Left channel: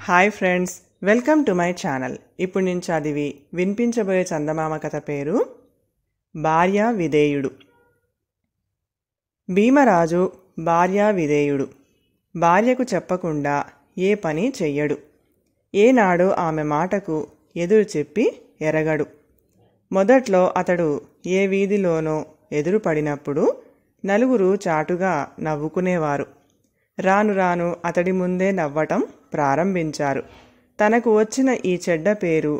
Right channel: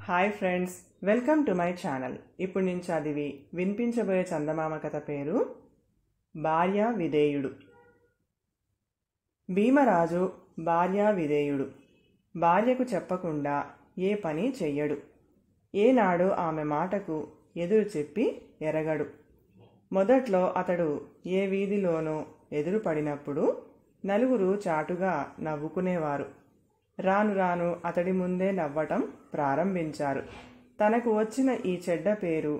Hi friends, welcome to my channel. ఇప్పుడు నేను చదివి వినిపించబోయే చందమామ కథ పేరు భార్యా విధేయుడు. భీమరాజు భార్యా విధేయుడు. భార్యకు చెప్పకుండా ఏ పని చెయ్యడు. ఏనాడు ఆమె మాటకు ఎదురు చెప్పి ఎరగడు. మొదట్లో అతడు ఏ వీధిలోనో ఎదురుపడినప్పుడు నలుగురు చాటుగా నవ్వుకునేవారు. రాను రాను అతడి ముందే నవ్వటం ప్రారంభించారు. తనకు వచ్చిన ఈ చెడ్డ పేరు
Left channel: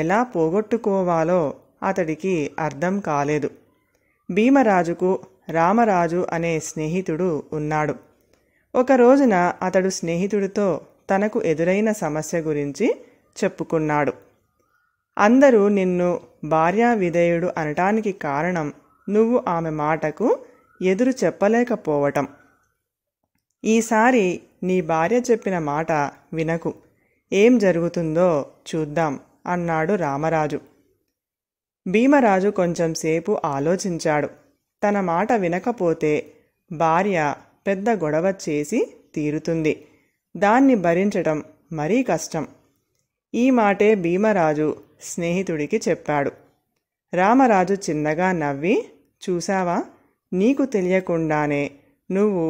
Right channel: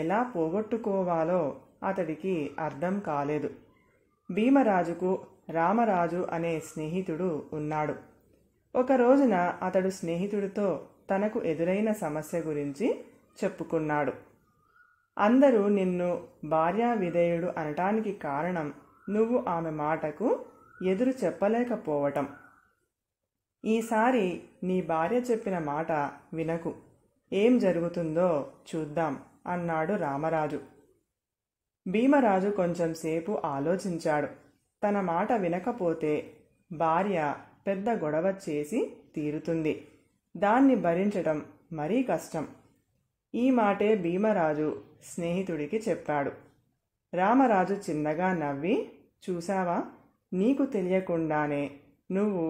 ఎలా పోగొట్టుకోవాలో అతడికి అర్థం కాలేదు. భీమరాజుకు రామరాజు అనే స్నేహితుడు ఉన్నాడు. ఒక రోజున అతడు స్నేహితుడితో తనకు ఎదురైన సమస్య గురించి చెప్పుకున్నాడు. అందరూ నిన్ను భార్యా విధేయుడు అనటానికి కారణం నువ్వు ఆమె మాటకు ఎదురు చెప్పలేకపోవటం. ఈసారి నీ భార్య చెప్పిన మాట వినకు, ఏం జరుగుతుందో చూద్దాం అన్నాడు రామరాజు. భీమరాజు కొంచెంసేపు ఆలోచించాడు. తన మాట వినకపోతే భార్య పెద్ద గొడవ చేసి తీరుతుంది. దాన్ని భరించటం మరీ కష్టం. ఈ మాటే భీమరాజు స్నేహితుడికి చెప్పాడు. రామరాజు చిన్నగా నవ్వి, చూసావా, నీకు తెలియకుండానే నువ్వు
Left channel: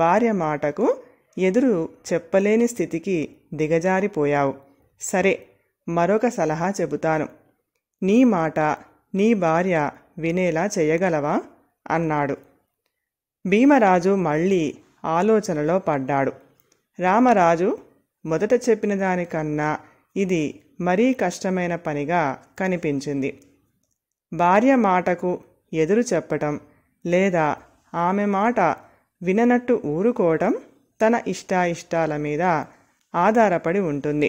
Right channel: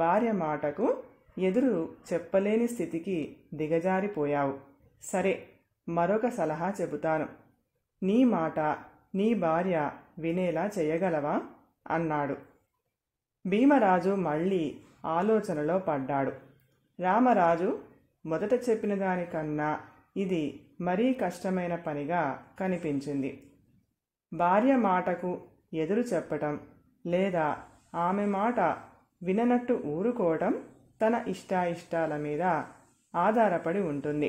భార్య మాటకు ఎదురు చెప్పలేని స్థితికి దిగజారిపోయావు. సరే, మరొక సలహా చెబుతాను. నీ మాట నీ భార్య వినేలా చేయగలవా అన్నాడు. భీమరాజు మళ్ళీ ఆలోచనలో పడ్డాడు. రామరాజు మొదట చెప్పిన దానికన్నా ఇది మరీ కష్టమైన పనిగా కనిపించింది. భార్య మాటకు ఎదురు చెప్పటం లేదా ఆమె మాట విననట్టు ఊరుకోవటం తన ఇష్టాయిష్టాల మీద ఆధారపడి ఉంటుంది.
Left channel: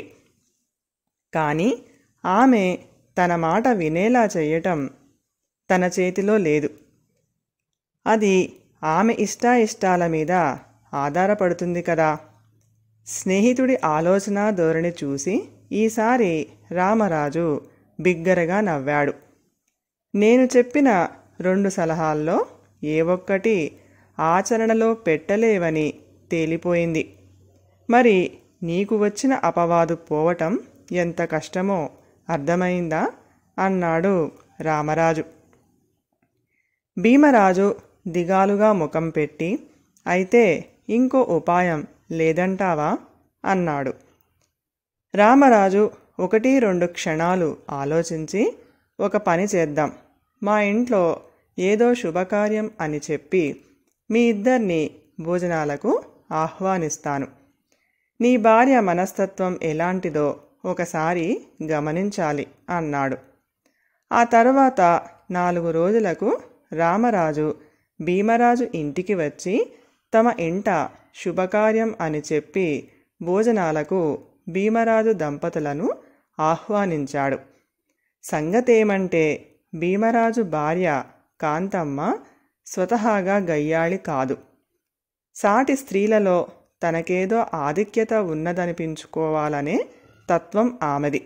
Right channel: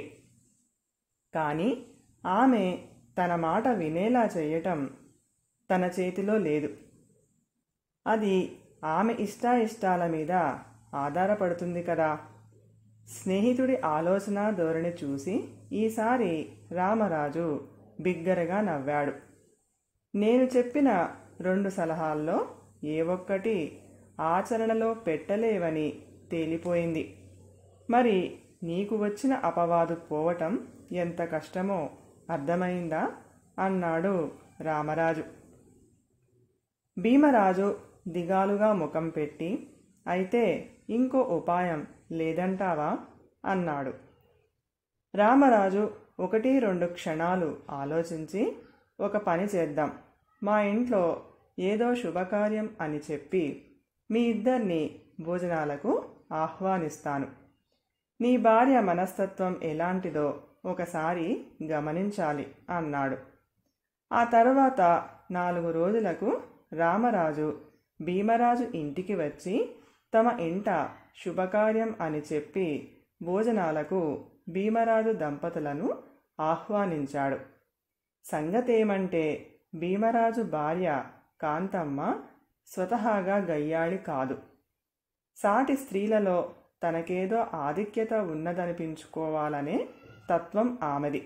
కానీ ఆమె తన మాట వినేలా చేయటం తన చేతిలో లేదు. అది ఆమె ఇష్టాయిష్టాల మీద ఆధారపడుతుంది కదా. స్నేహితుడి ఆలోచన ధోరణి చూసి ఈసారి రామరాజు బిగ్గరగా నవ్వాడు. నేను చెప్పిన 2 సలహాల్లో ఏ ఒక్కటి ఆచరణలో పెట్టలేవని తేలిపోయింది. మరి నీకు వచ్చిన అపవాదు పోవటం ఎంత కష్టమో అర్థమైందా అన్నాడు రామరాజు. భీమరాజు దిగాలుగా ముఖం పెట్టి, అయితే ఇంకో ఉపాయం లేదంటావా అన్నాడు. రామరాజు 1-2 క్షణాలు ఆలోచించి, ఒక పని చేద్దాం. మా ఇంట్లో ఏదో శుభకార్యం అని చెప్పి మీ ఇద్దరిని భోజనాలకు ఆహ్వానిస్తాను. నీ భార్య మనస్తత్వం ఎలాంటిదో ఒకసారి గమనించాలి అన్నాడు. ఆ తరువాత 4 రోజులకు రామరాజు భీమరాజు ఇంటికి వచ్చి తమ ఇంట శుభకార్యం అని చెప్పి భోజనాలకు భీమరాజు దంపతులను ఆహ్వానించాడు. సంగతేమంటే భీమరాజు భార్య కాంతమ్మ స్వతహాగా గయ్యాళి కాదు. సాటి స్త్రీలలో తనకేదో ఆధిక్యత ఉన్నదనిపించుకోవాలనే తత్వం ఆమెది.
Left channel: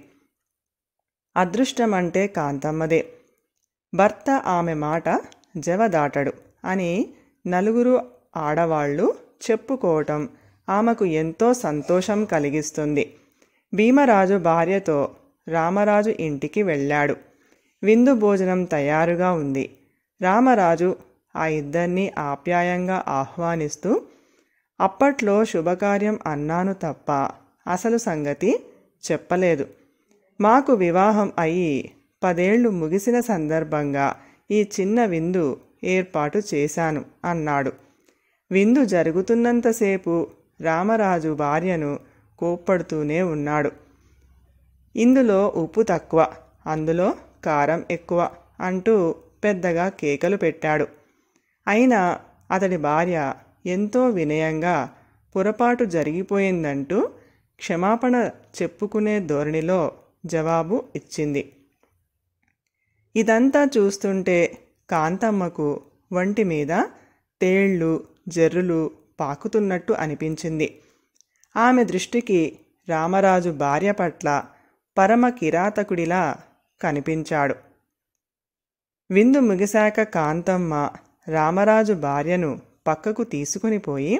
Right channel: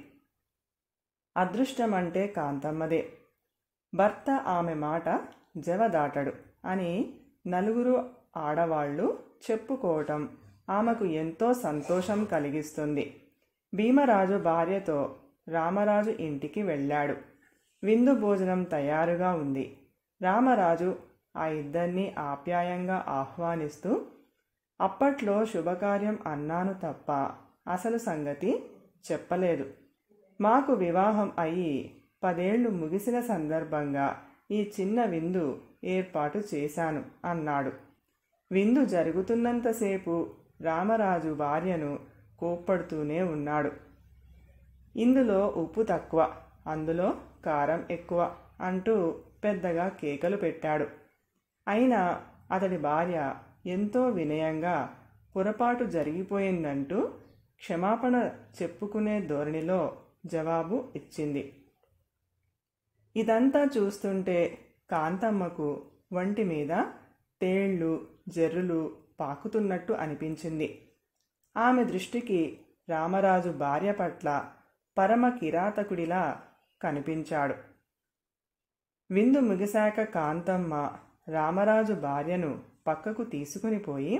అదృష్టమంటే కాంతమ్మదే. భర్త ఆమె మాట జవదాటడు అని నలుగురు ఆడవాళ్లు చెప్పుకోవటం ఆమెకు ఎంతో సంతోషం కలిగిస్తుంది. భీమరాజు భార్యతో రామరాజు ఇంటికి వెళ్ళాడు. విందు భోజనం తయారుగా ఉంది. రామరాజు ఆ ఇద్దరినీ ఆప్యాయంగా ఆహ్వానిస్తూ, అప్పట్లో శుభకార్యం అన్నాను తప్ప అసలు సంగతి చెప్పలేదు. మాకు వివాహం అయి 10 ఏళ్లు ముగిసిన సందర్భంగా ఈ చిన్న విందు ఏర్పాటు చేశాను అన్నాడు. విందు జరుగుతున్నంతసేపు రామరాజు భార్యను కోప్పడుతూనే ఉన్నాడు. ఇందులో ఉప్పు తక్కువ, అందులో కారం ఎక్కువ అంటూ పెద్దగా కేకలు పెట్టాడు. అయినా అతడి భార్య ఎంతో వినయంగా పొరపాటు జరిగిపోయిందంటూ క్షమాపణ చెప్పుకునే ధోరణిలో జవాబు ఇచ్చింది. ఇదంతా చూస్తుంటే కాంతమ్మకు వంటి మీద తేళ్లు జర్రులు పాకుతున్నట్టు అనిపించింది. ఆమె దృష్టికి రామరాజు భార్య పట్ల పరమ కిరాతకుడిలా కనిపించాడు. విందు ముగిశాక కాంతమ్మ రామరాజు భార్యను పక్కకు తీసుకుని పోయి,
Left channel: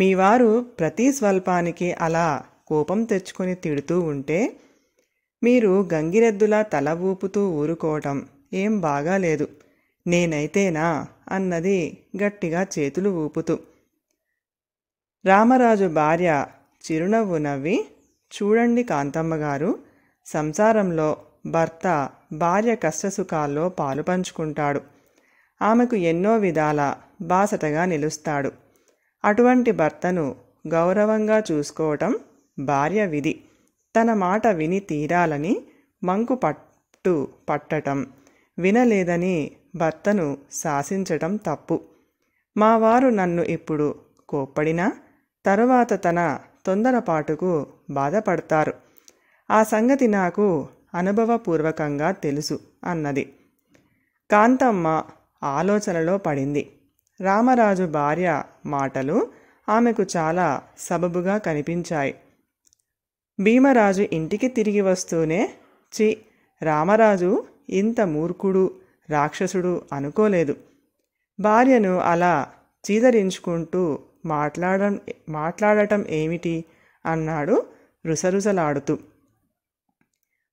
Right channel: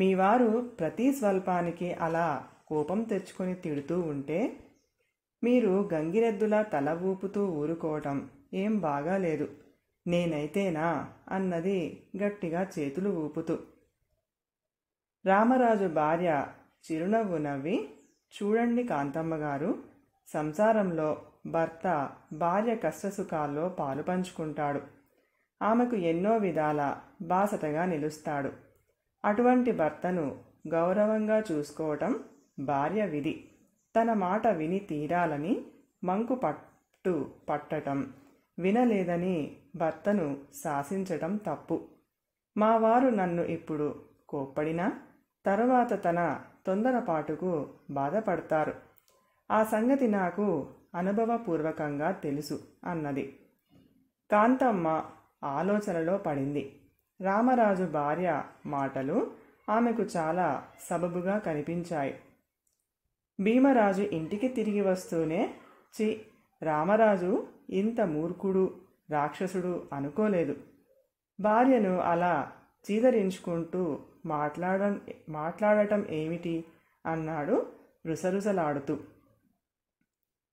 మీ వారు ప్రతి స్వల్పానికి అలా కోపం తెచ్చుకొని తిడుతూ ఉంటే మీరు గంగిరెద్దులా తల ఊపుతూ ఊరుకోవటం ఏం బాగాలేదు. నేనైతేనా అన్నది గట్టిగా చేతులు ఊపుతూ. రామరాజు భార్య చిరునవ్వు నవ్వి, చూడండి కాంతమ్మగారు, సంసారంలో భర్త భార్య కష్టసుఖాల్లో పాలు పంచుకుంటాడు. ఆమెకు ఎన్నో విధాల బాసటగా నిలుస్తాడు. అటువంటి భర్తను గౌరవంగా చూసుకోవటం భార్య విధి. తన మాట విని తీరాలని మంకు పట్టటం, వినలేదని భర్తను శాసించటం తప్పు. మా వారు నన్ను ఇప్పుడు కోప్పడినా తరువాత తన తొందరపాటుకు బాధపడతారు. ఆ సంగతి నాకు అనుభవపూర్వకంగా తెలుసు అన్నది. కాంతమ్మ ఆలోచనలో పడింది. రామరాజు భార్య మాటలు ఆమెకు చాలా సబబుగా కనిపించాయి. భీమరాజు ఇంటికి తిరిగి వస్తూనే, చి, రామరాజు ఇంత మూర్ఖుడు, రాక్షసుడు అనుకోలేదు. భార్యను అలా చీదరించుకుంటూ మాట్లాడటం ఏమిటి అన్నాడు రుసరుసలాడుతూ.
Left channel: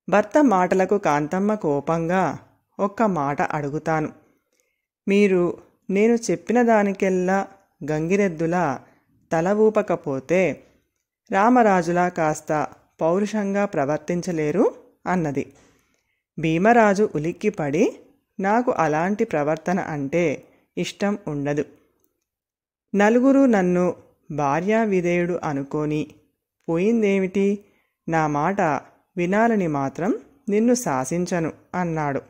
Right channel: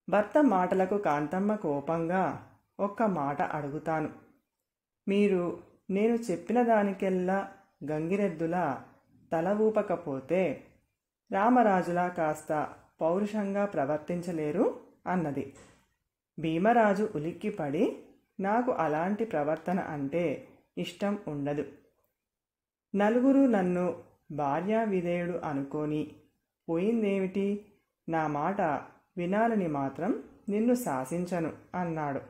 భర్త మాటలకు కాంతమ్మ కోపంగా, ఒక్క మాట అడుగుతాను. మీరు నేను చెప్పిన దానికెల్లా గంగిరెద్దులా తల ఊపకపోతే రామరాజులా కాస్త పౌరుషంగా ప్రవర్తించలేరు అన్నది. భీమరాజు ఉలిక్కిపడి, నాకు అలాంటి ప్రవర్తన అంటే ఇష్టం ఉండదు. నలుగురు నన్ను భార్యా విధేయుడు అనుకొని పోయిందేమిటి? నా మాట వినాలని మాత్రం నిన్ను శాసించను అన్నాడు.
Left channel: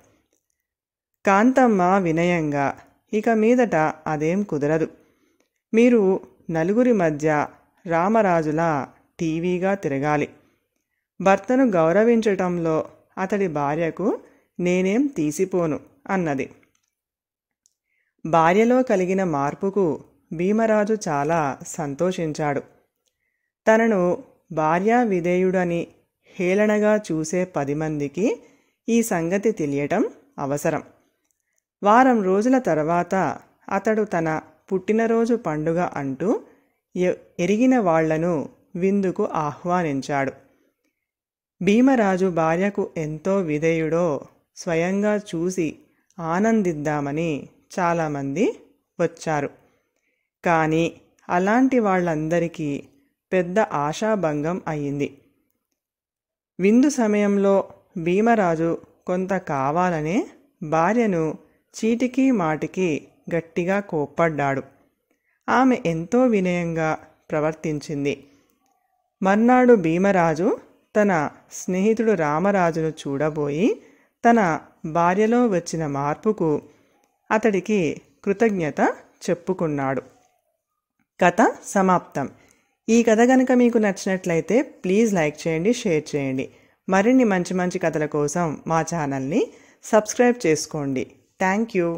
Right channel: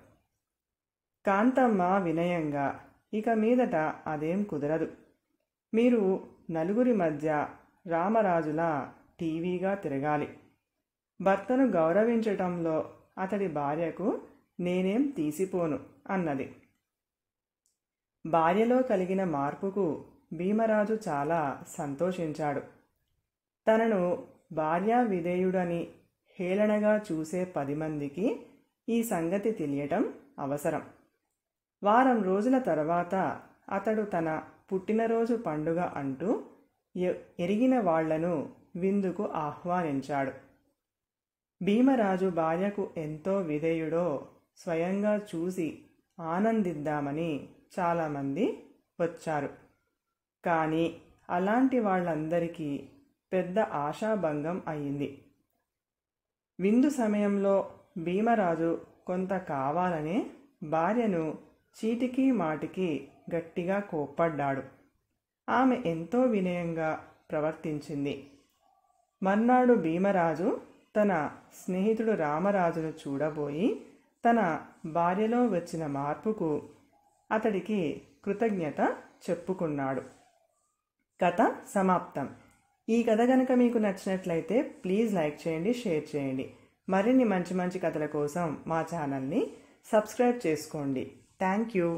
కాంతమ్మ వినయంగా, ఇక మీదట అదేం కుదరదు. మీరు నలుగురి మధ్య రామరాజులా టీవీగా తిరగాలి. భర్తను గౌరవించటంలో అతడి భార్యకు నేనేం తీసిపోను అన్నది. భార్యలో కలిగిన మార్పుకు భీమరాజు చాలా సంతోషించాడు. తనను భార్యా విధేయుడని హేళనగా చూసే 10 మందికి ఈ సంగతి తెలియటం అవసరం. వారం రోజుల తర్వాత అతడు తన పుట్టినరోజు పండుగ అంటూ ఎరిగిన వాళ్లను విందుకు ఆహ్వానించాడు. భీమరాజు భార్యకు ఎంతో విధేయుడో స్వయంగా చూసి ఆనందిద్దామని చాలామంది వచ్చారు. కానీ అలాంటి వాళ్ళందరికీ పెద్ద ఆశాభంగం అయింది. విందు సమయంలో భీమరాజు కొంత కావాలనే భార్యను చీటికి మాటికి గట్టిగా కోప్పడ్డాడు. ఆమె ఎంతో వినయంగా ప్రవర్తించింది. మర్నాడు భీమరాజు తన స్నేహితుడు రామరాజును చూడబోయి తన భార్యలో వచ్చిన మార్పుకు అతడికి కృతజ్ఞత చెప్పుకున్నాడు. కథ సమాప్తం. ఈ కథ కనుక మీకు నచ్చినట్లయితే ప్లీజ్ లైక్ చేయండి, షేర్ చేయండి. మరిన్ని మంచి మంచి కథల కోసం మా ఛానల్ని సబ్స్క్రైబ్ చేసుకోండి. Thank you.